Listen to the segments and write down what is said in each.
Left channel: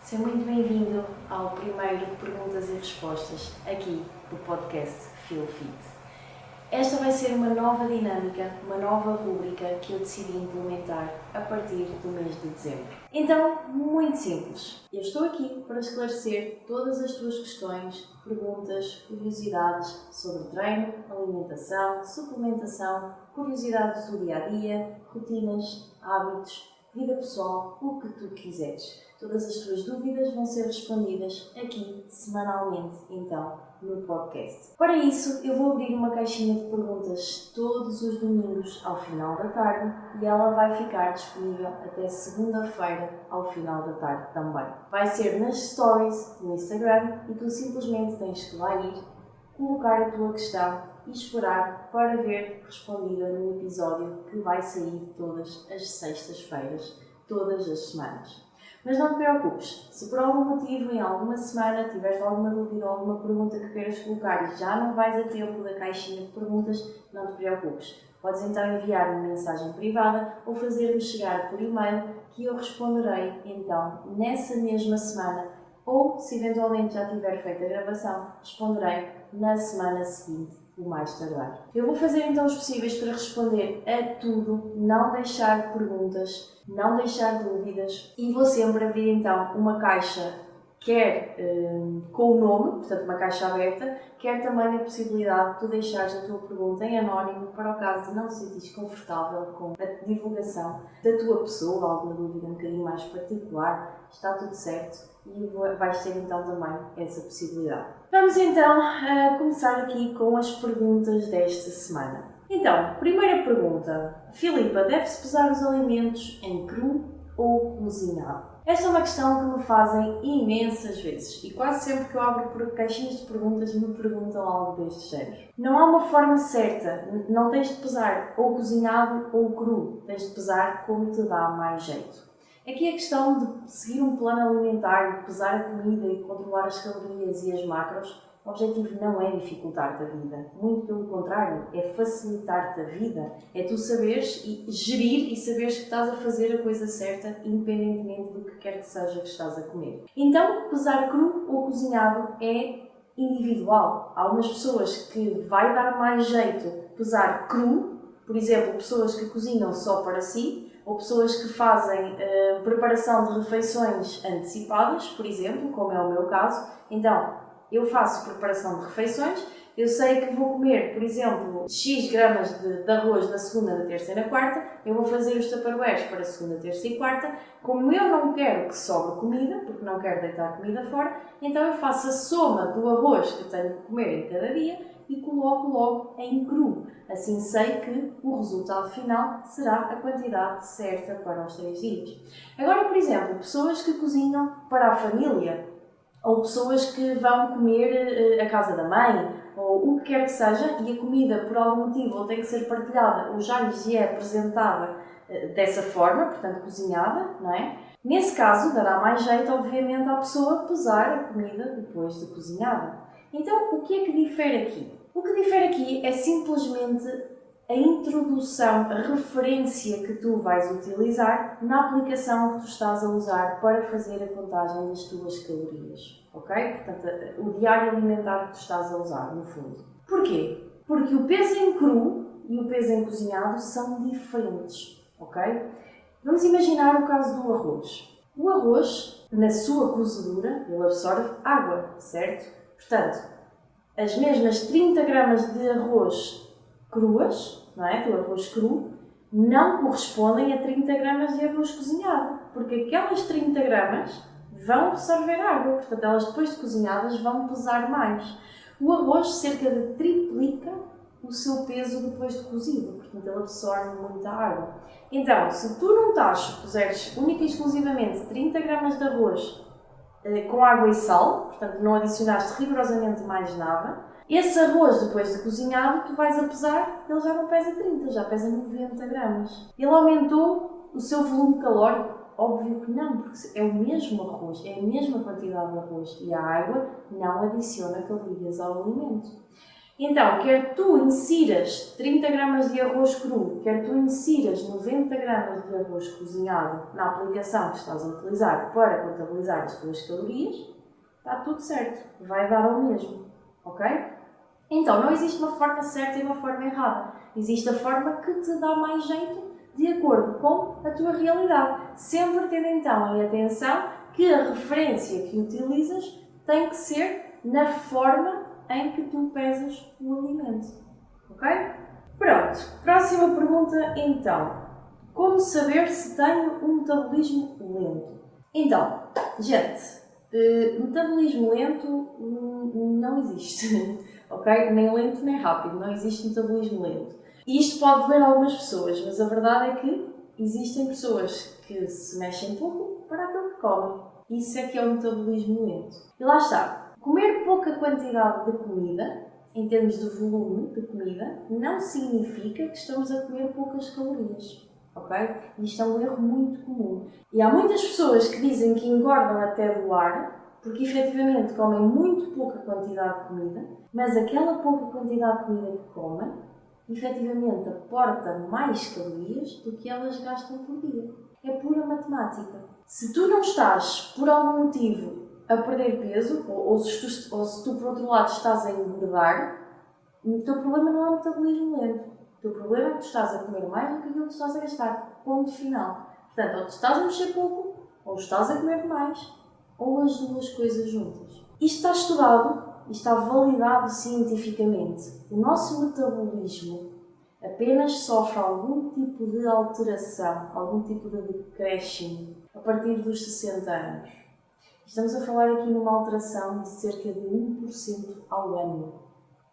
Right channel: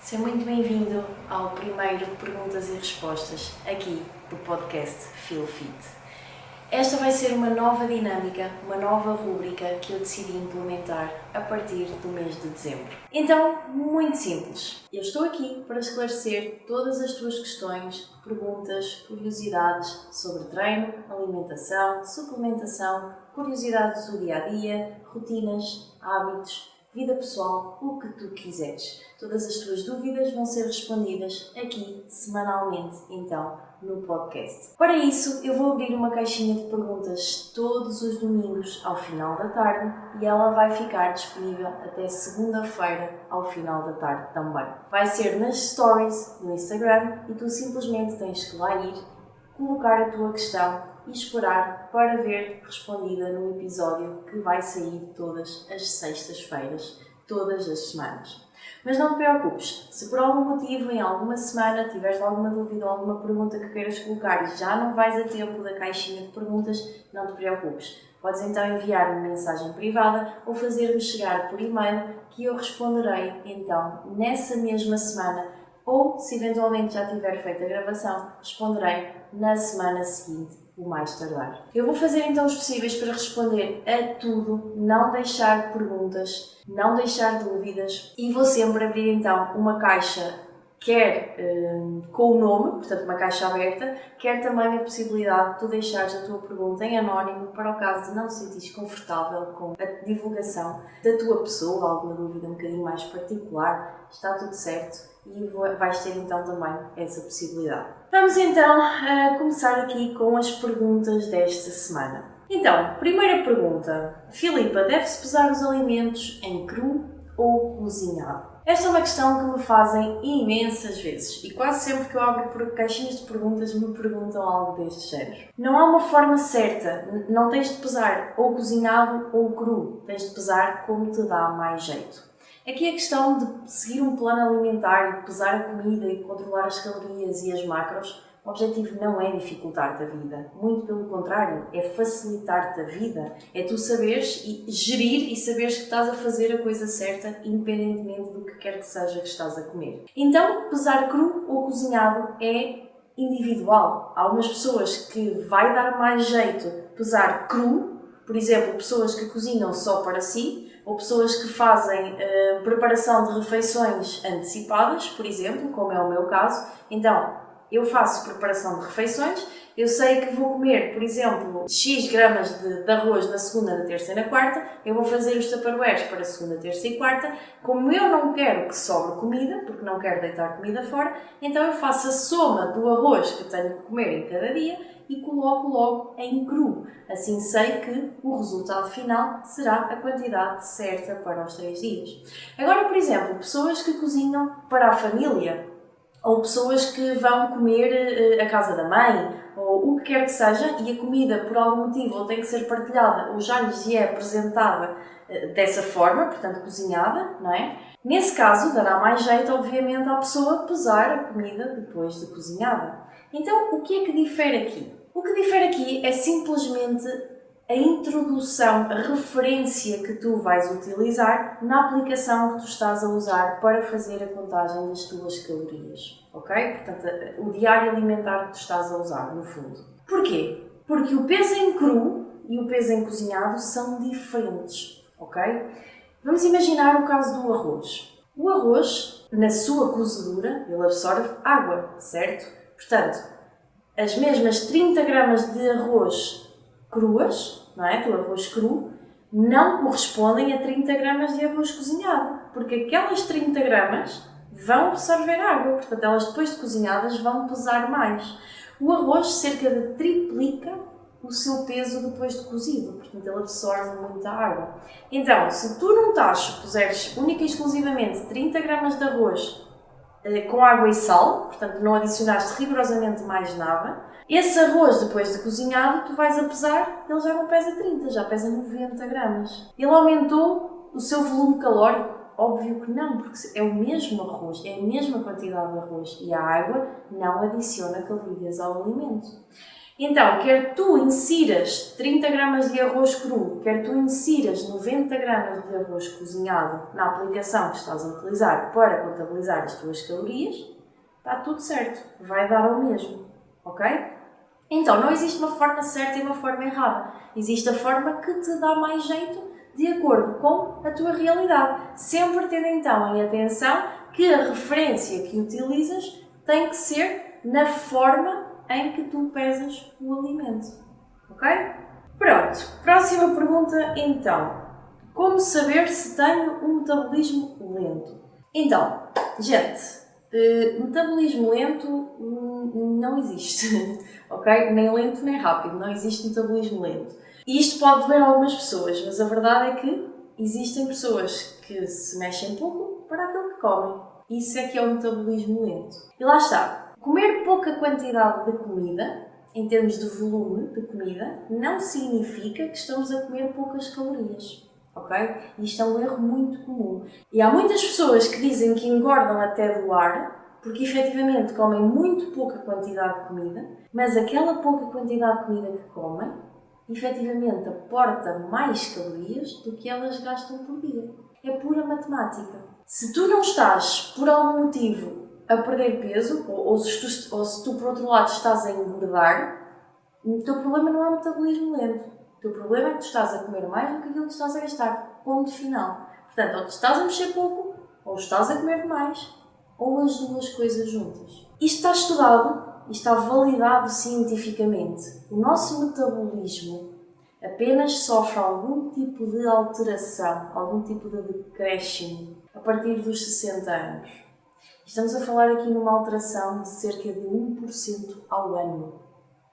Seja muito bem-vindo ao primeiro Perguntas e Respostas, aqui do podcast Feel Fit. Esta vai ser uma nova dinâmica, uma nova rúbrica que eu decidi implementar a partir do mês de dezembro. Então, muito simples. Eu estou aqui para esclarecer todas as tuas questões, perguntas, curiosidades sobre treino, alimentação, suplementação, curiosidades do dia-a-dia, rotinas, hábitos, vida pessoal, o que tu quiseres. Todas as tuas dúvidas vão ser respondidas aqui, semanalmente, então, no podcast. Para isso, eu vou abrir uma caixinha de perguntas todos os domingos ao final da tarde e ela vai ficar disponível até segunda-feira ao final da tarde também. Vai ser nas stories no Instagram e tu simplesmente tens que lá ir, colocar a tua questão e esperar para ver respondida no episódio que vai sair todas as sextas-feiras, todas as semanas. Mas não te preocupes, se por algum motivo em alguma semana tiveres alguma dúvida ou alguma pergunta que queiras colocar e já não vais a tempo da caixinha de perguntas, não te preocupes. Podes então enviar-me mensagem privada ou fazer-me chegar por e-mail que eu responderei então nessa mesma semana ou, se eventualmente já tiver feito a gravação, responderei na semana seguinte, o mais tardar. Eu vou fazer então os possíveis para responder a tudo, não deixar perguntas, não deixar dúvidas e vou sempre abrir então uma caixa, quer com o nome, portanto uma caixa aberta, quer também a possibilidade de tu deixares a tua pergunta em anónimo para o caso de não te sentires confortável com a divulgação da tua pessoa, alguma dúvida um bocadinho mais particular, está tudo certo e vais ter então também essa possibilidade. Vamos então começar aqui com as perguntas desta semana. Então, primeira pergunta. Filipa, deve-se pesar os alimentos em cru ou cozinhado? Esta é uma questão que me fazem imensas vezes e quase sempre que eu abro por caixinhas de perguntas me perguntam algo deste género. Não há uma forma certa, não tens de pesar ou cozinhado ou cru, tens de pesar como te dá mais jeito. Aqui a questão de seguir um plano alimentar e de pesar a comida e de controlar as calorias e as macros, o objetivo não é dificultar-te a vida, muito pelo contrário, é facilitar-te a vida, é tu saberes e gerir e saberes que estás a fazer a coisa certa independentemente do que quer que seja que estás a comer. Então, pesar cru ou cozinhado é individual. Há umas pessoas que vai dar mais jeito pesar cru, por exemplo, pessoas que cozinham só para si, ou pessoas que fazem preparação de refeições antecipadas, por exemplo, como é o meu caso. Então, eu faço preparação de refeições, eu sei que vou comer, por exemplo, X gramas de arroz na segunda, na terça e na quarta, eu vou fazer os tupperwares para segunda, terça e quarta. Como eu não quero que sobre comida, porque não quero deitar comida fora, então eu faço a soma do arroz que tenho que comer em cada dia e coloco logo em cru. Assim sei que o resultado final será a quantidade certa para os 3 dias. Agora, por exemplo, pessoas que cozinham para a família, ou pessoas que vão comer à casa da mãe, ou o que quer que seja, e a comida por algum motivo ou tem que ser partilhada ou já lhes é apresentada dessa forma, portanto cozinhada, não é? Nesse caso dará mais jeito, obviamente, à pessoa pesar a comida depois de cozinhada. Então, o que é que difere aqui? O que difere aqui é simplesmente a introdução, a referência que tu vais utilizar na aplicação que tu estás a usar para fazer a contagem das tuas calorias, ok? Portanto, o diário alimentar que tu estás a usar, no fundo. Porquê? Porque o peso em cru e o peso em cozinhado são diferentes, ok? Vamos imaginar o caso do arroz. O arroz, na sua cozedura, ele absorve água, certo? Portanto, as mesmas 30 gramas de arroz cruas, não é? Do arroz cru, não correspondem a 30 gramas de arroz cozinhado, porque aquelas 30 gramas vão absorver água, portanto elas depois de cozinhadas vão pesar mais. O arroz cerca de triplica o seu peso depois de cozido, portanto ele absorve muita água. Então, se tu num tacho puseres única e exclusivamente 30 gramas de arroz com água e sal, portanto não adicionaste rigorosamente mais nada, esse arroz depois de cozinhado tu vais a pesar, ele já não pesa 30, já pesa 90 gramas. Ele aumentou o seu volume calórico? Óbvio que não, porque é o mesmo arroz, é a mesma quantidade de arroz e a água não adiciona calorias ao alimento. Então, quer tu insiras 30 gramas de arroz cru, quer tu insiras 90 gramas de arroz cozinhado na aplicação que estás a utilizar para contabilizar as tuas calorias, está tudo certo, vai dar ao mesmo, ok? Então, não existe uma forma certa e uma forma errada. Existe a forma que te dá mais jeito de acordo com a tua realidade. Sempre tendo então em atenção que a referência que utilizas tem que ser na forma em que tu pesas o alimento. Ok? Pronto. Próxima pergunta então. Como saber se tenho um metabolismo lento? Então, gente, metabolismo lento não existe. Ok? Nem lento nem rápido. Não existe metabolismo lento. E isto pode doer a algumas pessoas, mas a verdade é que existem pessoas que se mexem pouco para aquilo que comem. Isso é que é o metabolismo lento. E lá está. Comer pouca quantidade de comida, em termos de volume de comida, não significa que estamos a comer poucas calorias. Ok? Isto é um erro muito comum. E há muitas pessoas que dizem que engordam até doar, porque efetivamente comem muito pouca quantidade de comida, mas aquela pouca quantidade de comida que comem, efetivamente aporta mais calorias do que elas gastam por dia. É pura matemática. Se tu não estás, por algum motivo, a perder peso, ou se tu por outro lado estás a engordar, o teu problema não é o metabolismo lento. O teu problema é que tu estás a comer mais do que aquilo que estás a gastar. Ponto final. Portanto, ou tu estás a mexer pouco, ou estás a comer demais, ou as duas coisas juntas. Isto está estudado e está validado cientificamente. O nosso metabolismo apenas sofre algum tipo de alteração, algum tipo de decréscimo a partir dos 60 anos. Estamos a falar aqui numa alteração de cerca de 1% ao ano.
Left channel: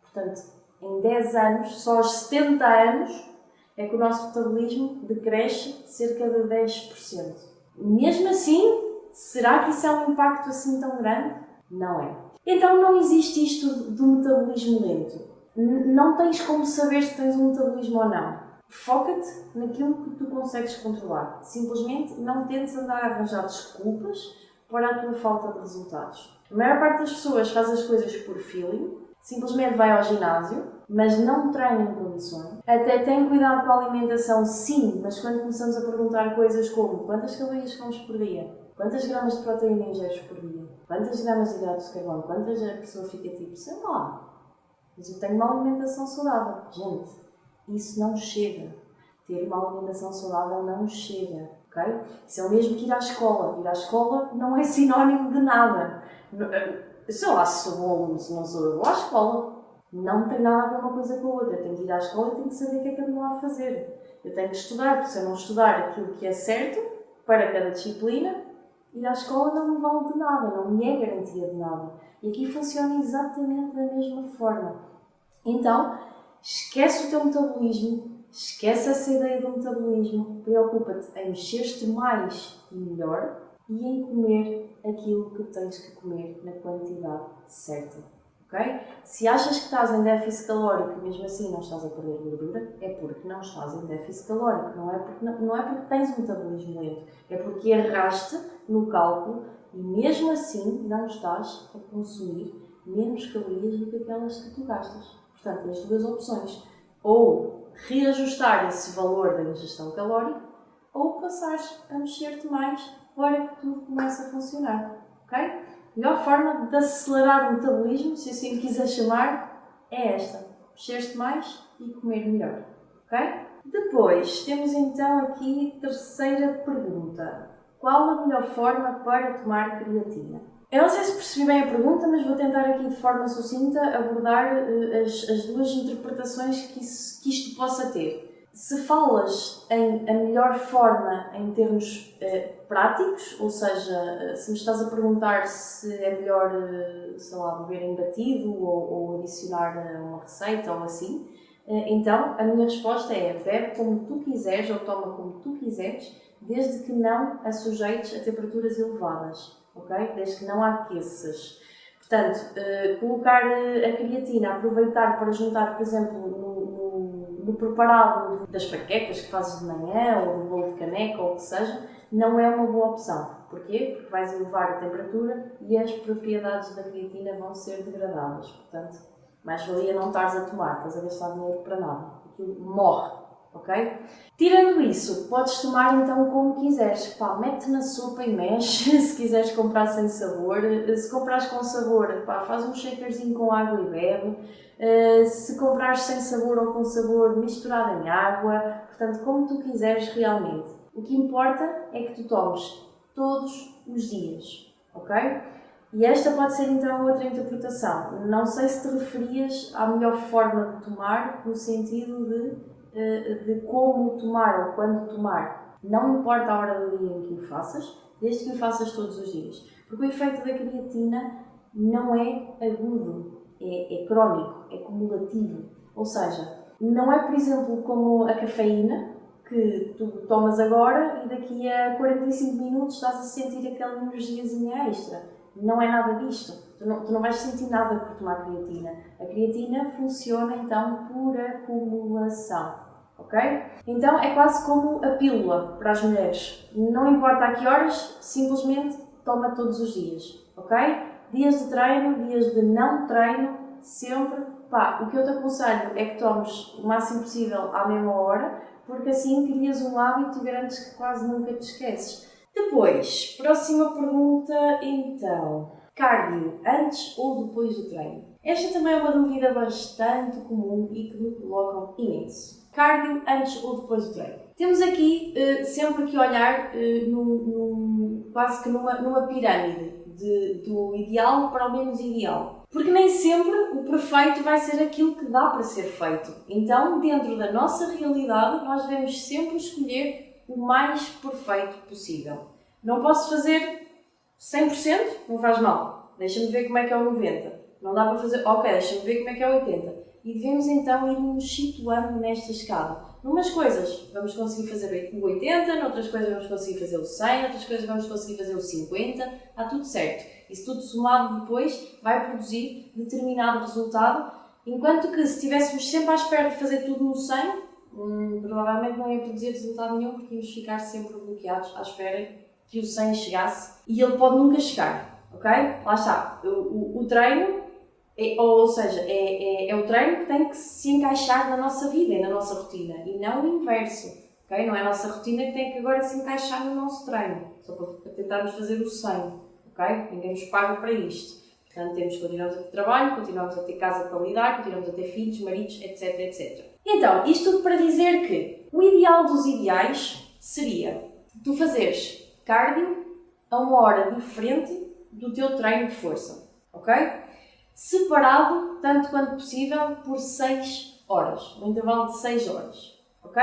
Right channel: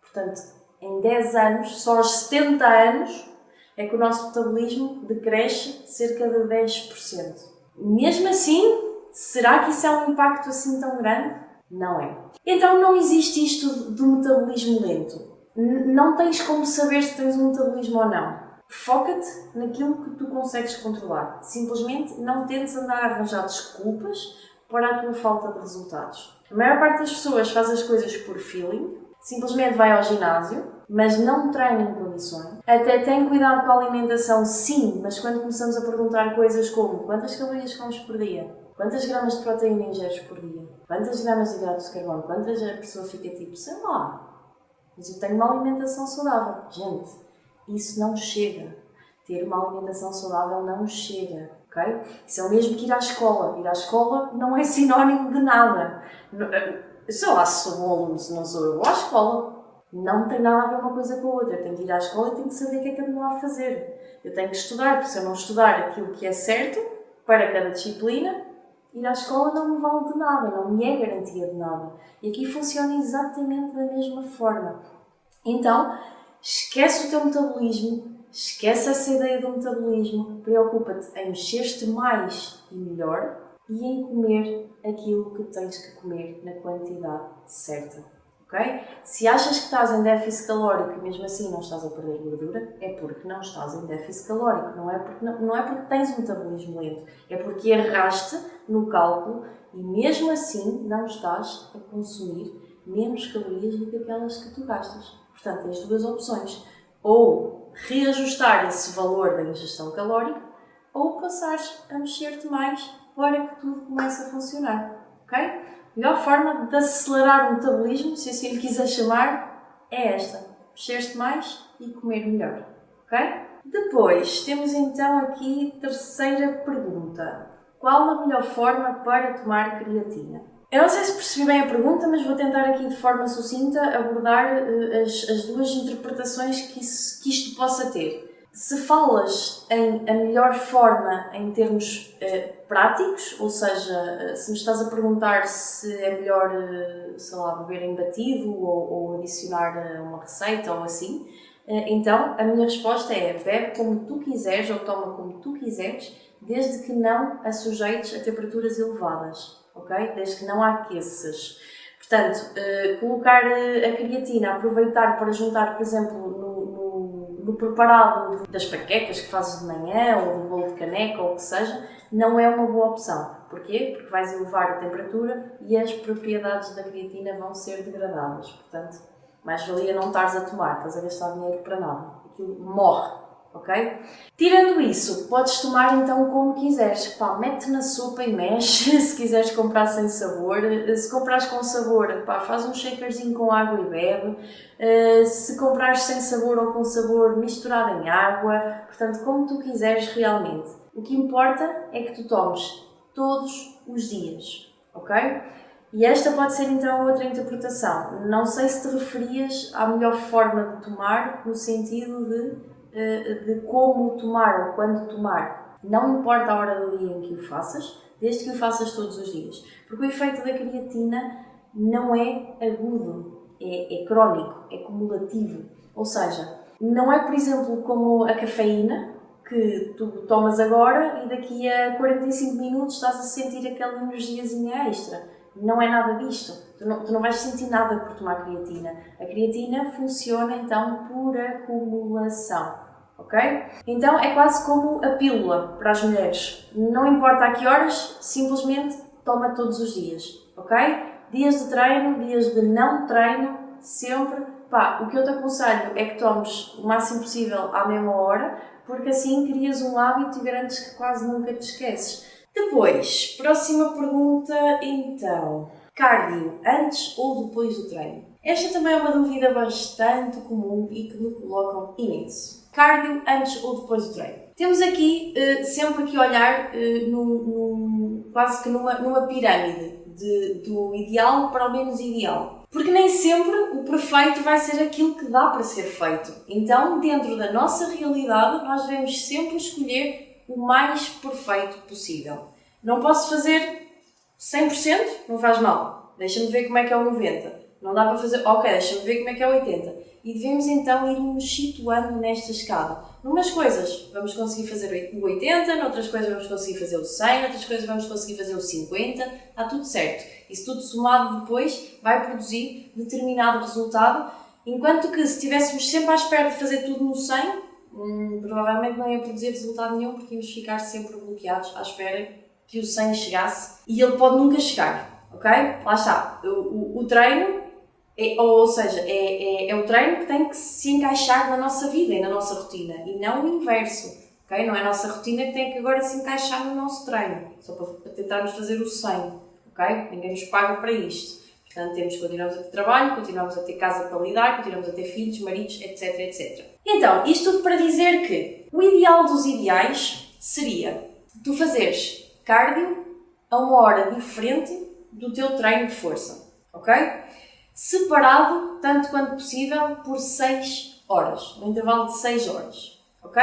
Portanto, em 10 anos, só aos 70 anos, é que o nosso metabolismo decresce cerca de 10%. Mesmo assim, será que isso é um impacto assim tão grande? Não é. Então não existe isto do metabolismo lento. Não tens como saber se tens um metabolismo ou não. Foca-te naquilo que tu consegues controlar. Simplesmente não tentes andar a arranjar desculpas para a tua falta de resultados. A maior parte das pessoas faz as coisas por feeling, simplesmente vai ao ginásio, mas não treina em condições. Até tem cuidado com a alimentação, sim, mas quando começamos a perguntar coisas como quantas calorias comes por dia, quantas gramas de proteína ingeres por dia, quantas gramas de hidratos de carbono, quantas a pessoa fica tipo, sei lá, mas eu tenho uma alimentação saudável. Gente, isso não chega. Ter uma alimentação saudável não chega, ok? Isso é o mesmo que ir à escola. Ir à escola não é sinónimo de nada. Sei lá se sou bom aluno, se não sou, eu vou à escola. Não tem nada a ver uma coisa com a outra. Eu tenho que ir à escola e tenho que saber o que é que ando lá a fazer. Eu tenho que estudar, porque se eu não estudar aquilo que é certo para cada disciplina, ir à escola não me vale de nada, não me é garantia de nada. E aqui funciona exatamente da mesma forma. Então, esquece o teu metabolismo, esquece essa ideia do metabolismo, preocupa-te em mexer-te mais e melhor e em comer aquilo que tens que comer na quantidade certa. Okay? Se achas que estás em déficit calórico e mesmo assim não estás a perder gordura, é porque não estás em déficit calórico, não é porque tens um metabolismo lento, é porque erraste no cálculo e mesmo assim não estás a consumir menos calorias do que aquelas que tu gastas. Portanto, tens duas opções, ou reajustar esse valor da ingestão calórica ou passares a mexer-te mais para que tudo comece a funcionar. Ok? A melhor forma de acelerar o metabolismo, se assim lhe quiser chamar, é esta. Mexer-te mais e comer melhor. Ok? Depois, temos então aqui a terceira pergunta. Qual a melhor forma para tomar creatina? Eu não sei se percebi bem a pergunta, mas vou tentar aqui de forma sucinta abordar as duas interpretações que isto possa ter. Se falas em a melhor forma em termos práticos, ou seja, se me estás a perguntar se é melhor, sei lá, beber em batido ou adicionar uma receita ou assim, então a minha resposta é bebe como tu quiseres ou toma como tu quiseres, desde que não a sujeites a temperaturas elevadas, ok? Desde que não a aqueças. Portanto, colocar a creatina, aproveitar para juntar, por exemplo, no preparado das panquecas que fazes de manhã ou do bolo de caneca ou o que seja, não é uma boa opção. Porquê? Porque vais elevar a temperatura e as propriedades da creatina vão ser degradadas. Portanto, Mais valia não estares a tomar, estás a gastar dinheiro para nada. Aquilo morre, ok? Tirando isso, podes tomar então como quiseres. Pá, mete na sopa e mexe, se quiseres comprar sem sabor. Se comprares com sabor, pá, faz um shakerzinho com água e bebe. Se comprares sem sabor ou com sabor, misturado em água. Portanto, como tu quiseres realmente. O que importa é que tu tomes todos os dias, ok? E esta pode ser então outra interpretação. Não sei se te referias à melhor forma de tomar, no sentido de como tomar ou quando tomar. Não importa a hora do dia em que o faças, desde que o faças todos os dias. Porque o efeito da creatina não é agudo, é crónico, é cumulativo. Ou seja, não é, por exemplo, como a cafeína, que tu tomas agora e daqui a 45 minutos estás a sentir aquela energiazinha extra. Não é nada disto. Tu não vais sentir nada por tomar creatina. A creatina funciona então por acumulação, ok? Então é quase como a pílula para as mulheres. Não importa a que horas, simplesmente toma todos os dias, ok? Dias de treino, dias de não treino, sempre. Pá, o que eu te aconselho é que tomes o máximo possível à mesma hora, porque assim crias um hábito e garantes que quase nunca te esqueces. Depois, próxima pergunta então. Cardio antes ou depois do treino? Esta também é uma dúvida bastante comum e que me colocam imenso. Cardio antes ou depois do treino? Temos aqui sempre que olhar quase que numa pirâmide do ideal para o menos ideal. Porque nem sempre o perfeito vai ser aquilo que dá para ser feito. Então, dentro da nossa realidade, nós devemos sempre escolher o mais perfeito possível. Não posso fazer 100%? Não faz mal. Deixa-me ver como é que é o 90%. Não dá para fazer... Ok, deixa-me ver como é que é o 80%. E devemos então ir nos situando nesta escala. Numas coisas vamos conseguir fazer o 80%, noutras coisas vamos conseguir fazer o 100%, noutras coisas vamos conseguir fazer o 50%. Está tudo certo. Isso tudo somado depois vai produzir determinado resultado. Enquanto que se estivéssemos sempre à espera de fazer tudo no 100%, provavelmente não ia produzir resultado nenhum, porque íamos ficar sempre bloqueados à espera que o 100 chegasse. E ele pode nunca chegar, ok? Lá está. O treino, ou seja, é o treino que tem que se encaixar na nossa vida e na nossa rotina, e não o inverso, ok? Não é a nossa rotina que tem que agora se encaixar no nosso treino, só para tentarmos fazer o 100, ok? Ninguém nos paga para isto. Portanto, continuamos a ter trabalho, continuamos a ter casa para lidar, continuamos a ter filhos, maridos, etc, etc. Então, isto tudo para dizer que o ideal dos ideais seria tu fazeres cardio a uma hora diferente do teu treino de força, ok? Separado, tanto quanto possível, por 6 horas, no intervalo de 6 horas, ok?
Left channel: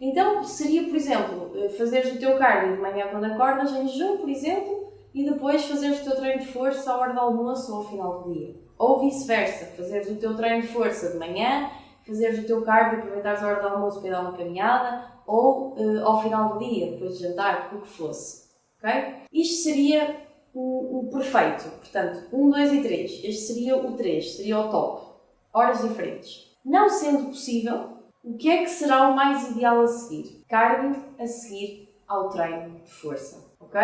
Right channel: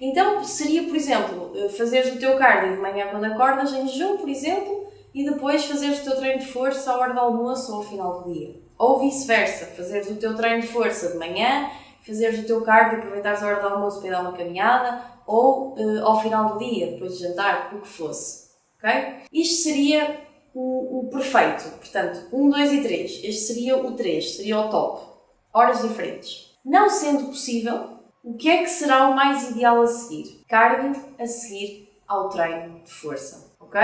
Então, seria, por exemplo, fazeres o teu cardio de manhã quando acordas, em jejum, por exemplo, e depois fazeres o teu treino de força à hora do almoço ou ao final do dia. Ou vice-versa, fazeres o teu treino de força de manhã, fazeres o teu cardio e aproveitares a hora do almoço para ir dar uma caminhada, ou ao final do dia, depois de jantar, o que fosse, ok? Isto seria o perfeito, portanto, 1, 2 e 3. Este seria o 3, seria o top. Horas diferentes. Não sendo possível, o que é que será o mais ideal a seguir? Cardio a seguir ao treino de força, ok?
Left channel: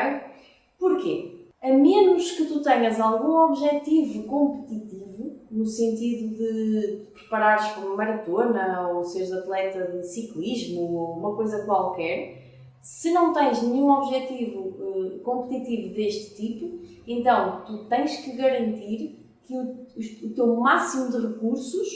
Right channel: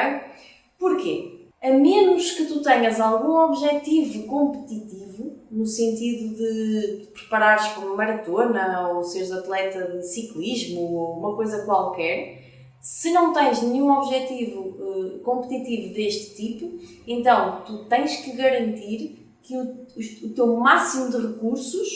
Porquê? A menos que tu tenhas algum objetivo competitivo, no sentido de preparares para uma maratona ou seres atleta de ciclismo ou uma coisa qualquer, se não tens nenhum objetivo competitivo deste tipo, então tu tens que garantir que o teu máximo de recursos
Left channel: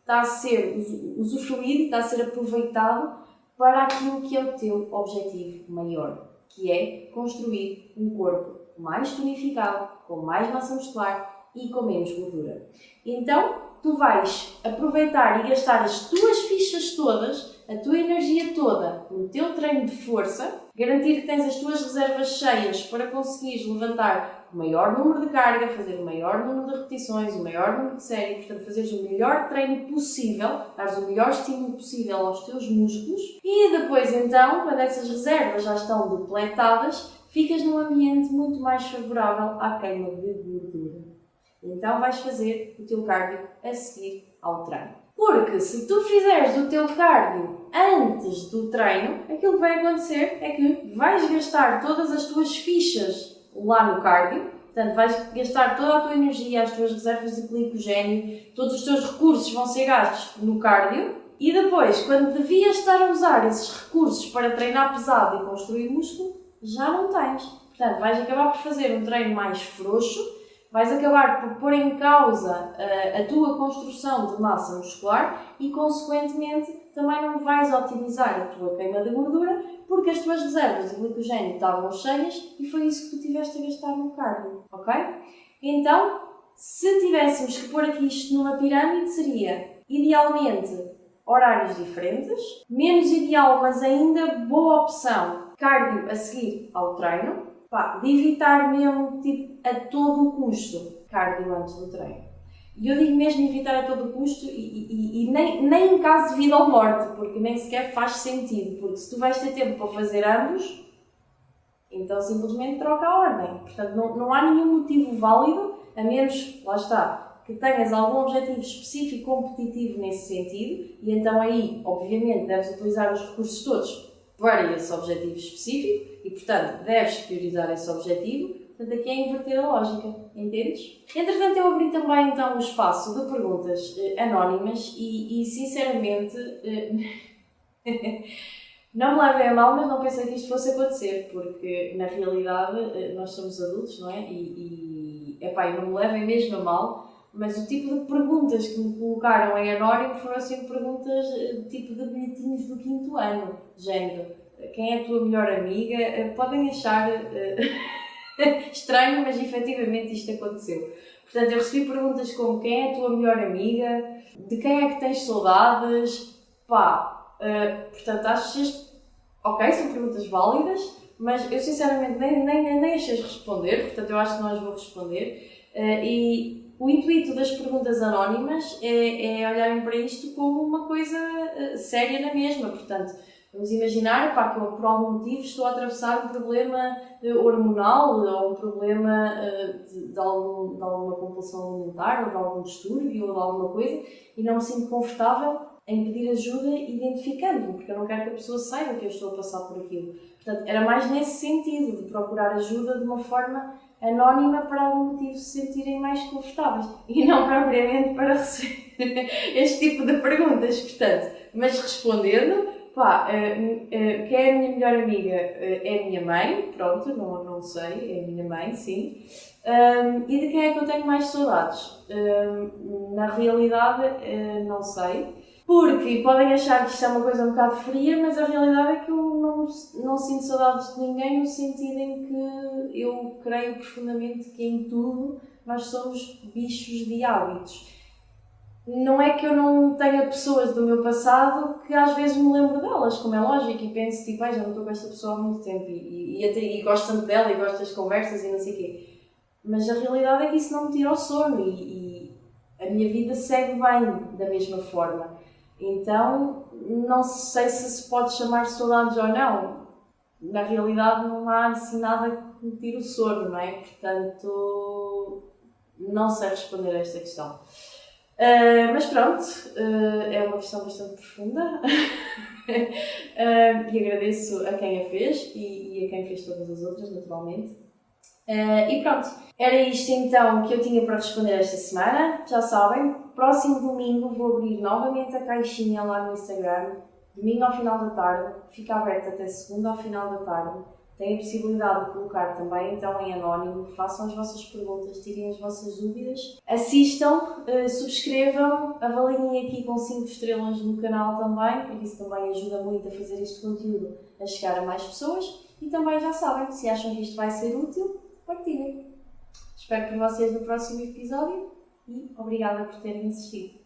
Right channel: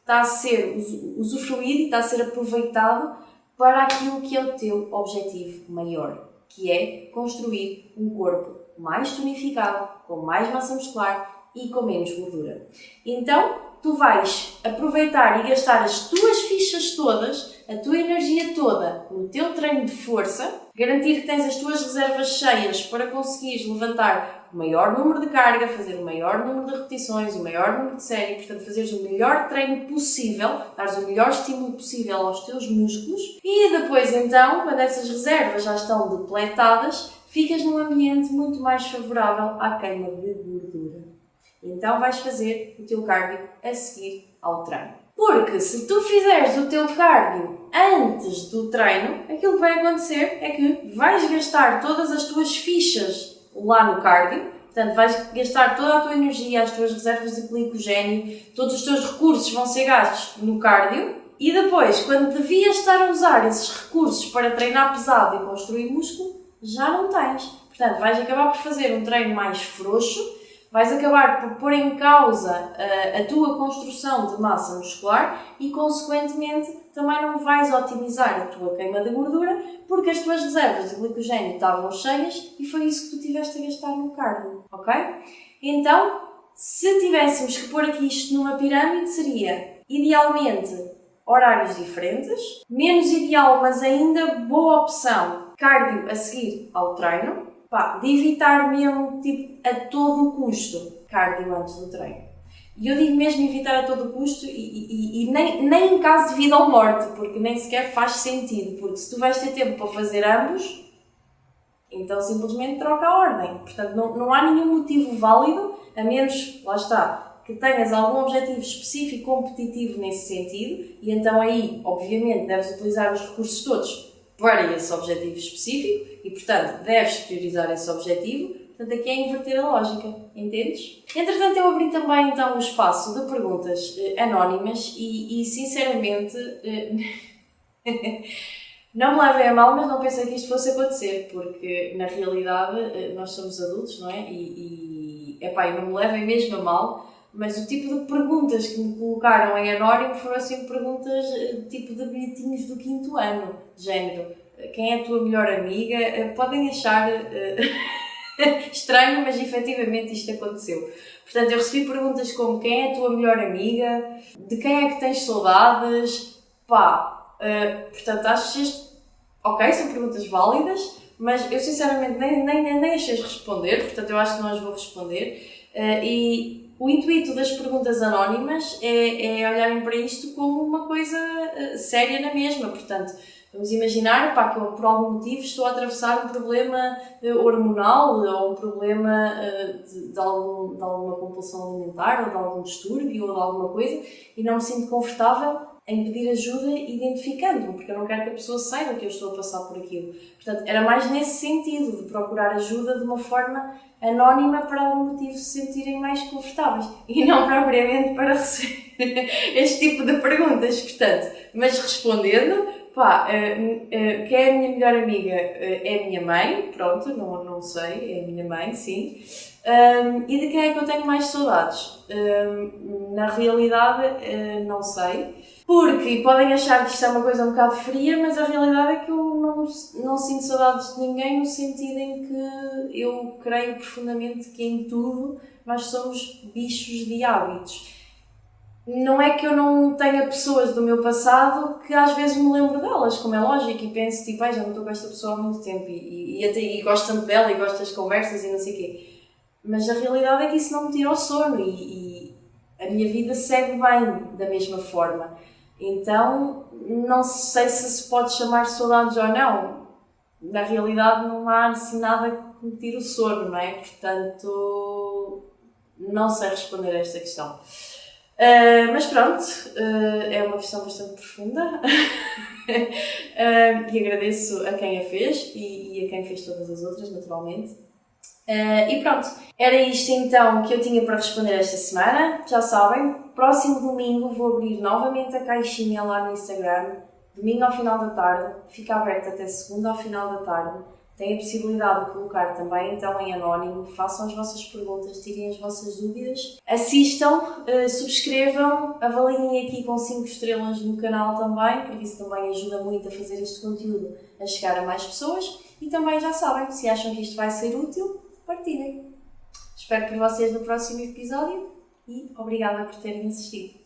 está a ser usufruído e está a ser aproveitado para aquilo que é o teu objetivo maior, que é construir um corpo mais tonificado, com mais massa muscular e com menos gordura. Então, tu vais aproveitar e gastar as tuas fichas todas, a tua energia toda no teu treino de força, garantir que tens as tuas reservas cheias para conseguires levantar o maior número de carga, fazer o maior número de repetições, o maior número de série, portanto fazeres o melhor treino possível, dares o melhor estímulo possível aos teus músculos e depois então, quando essas reservas já estão depletadas, ficas num ambiente muito mais favorável à queima de gordura. Então vais fazer o teu cardio a seguir ao treino. Porque se tu fizeres o teu cardio antes do treino, aquilo que vai acontecer é que vais gastar todas as tuas fichas lá no cardio, Portanto, vais gastar toda a tua energia, as tuas reservas de glicogênio, todos os teus recursos vão ser gastos no cardio e depois, quando devias estar a usar esses recursos para treinar pesado e construir músculo, já não tens. Portanto, vais acabar por fazer um treino mais frouxo, vais acabar por pôr em causa a tua construção de massa muscular e, consequentemente, também não vais otimizar a tua queima de gordura porque as tuas reservas de glicogênio estavam cheias e foi isso que tu tiveste a gastar no cardio, ok? Então, se tivéssemos que pôr aqui isto numa pirâmide, seria, idealmente, horários diferentes, menos ideal, mas ainda boa opção, cardio a seguir ao treino, de evitar mesmo, tipo, a todo o custo, cardio antes do treino. E eu digo mesmo evitar a todo o custo e nem em caso de vida ou morte, porque nem sequer faz sentido, porque se tu vais ter tempo para fazer ambos, então simplesmente troca a ordem. Portanto, não há nenhum motivo válido, a menos, lá está, que tenhas algum objetivo específico competitivo nesse sentido, e então aí, obviamente, deves utilizar os recursos todos para esse objetivo específico e, portanto, deves priorizar esse objetivo. Portanto, aqui é inverter a lógica, entendes? Entretanto, eu abri também então o espaço de perguntas anónimas e sinceramente, não me levem a mal, mas não pensei que isto fosse acontecer, porque na realidade nós somos adultos, não é? Epá, não me levem mesmo a mal, mas o tipo de perguntas que me colocaram em anónimo foram assim perguntas tipo de bilhetinhos do 5º ano, género, quem é a tua melhor amiga? Podem achar estranho, mas efetivamente isto aconteceu. Portanto, eu recebi perguntas como quem é a tua melhor amiga, de quem é que tens saudades, portanto, acho isto, ok, são perguntas válidas, mas eu sinceramente nem achei responder, portanto eu acho que não as vou responder. E o intuito das perguntas anónimas é olharem para isto como uma coisa séria na mesma, portanto, vamos imaginar que eu por algum motivo estou a atravessar um problema hormonal ou um problema de alguma compulsão alimentar ou de algum distúrbio ou de alguma coisa e não me sinto confortável em pedir ajuda identificando-me, porque eu não quero que a pessoa saiba que eu estou a passar por aquilo. Portanto, era mais nesse sentido, de procurar ajuda de uma forma anónima para algum motivo se sentirem mais confortáveis e não propriamente para receber este tipo de perguntas. Portanto, mas respondendo, quem é a minha melhor amiga? É a minha mãe, pronto, não sei, é a minha mãe, sim. E de quem é que eu tenho mais saudades? Na realidade, não sei. Porque podem achar que isto é uma coisa um bocado fria, mas a realidade é que eu não sinto saudades de ninguém no sentido em que eu creio profundamente que em tudo nós somos bichos de hábitos. Não é que eu não tenha pessoas do meu passado que às vezes me lembro delas, como é lógico, e penso tipo, já não estou com esta pessoa há muito tempo e gosto tanto dela e gosto das conversas e não sei o quê. Mas a realidade é que isso não me tira o sono e a minha vida segue bem da mesma forma. Então, não sei se pode chamar saudades ou não. Na realidade, não há assim nada que me tire o sono, não é? Portanto, não sei responder a esta questão. Mas pronto, é uma questão bastante profunda e agradeço a quem a fez e a quem fez todas as outras, naturalmente. E pronto, era isto então que eu tinha para responder esta semana. Já sabem, próximo domingo vou abrir novamente a caixinha lá no Instagram, domingo ao final da tarde, fica aberta até segunda ao final da tarde. Têm a possibilidade de colocar também então em anónimo, façam as vossas perguntas, tirem as vossas dúvidas, assistam, subscrevam, avaliem aqui com 5 estrelas no canal também, porque isso também ajuda muito a fazer este conteúdo a chegar a mais pessoas e também já sabem, se acham que isto vai ser útil, partilhem. Espero por vocês no próximo episódio e obrigada por terem assistido.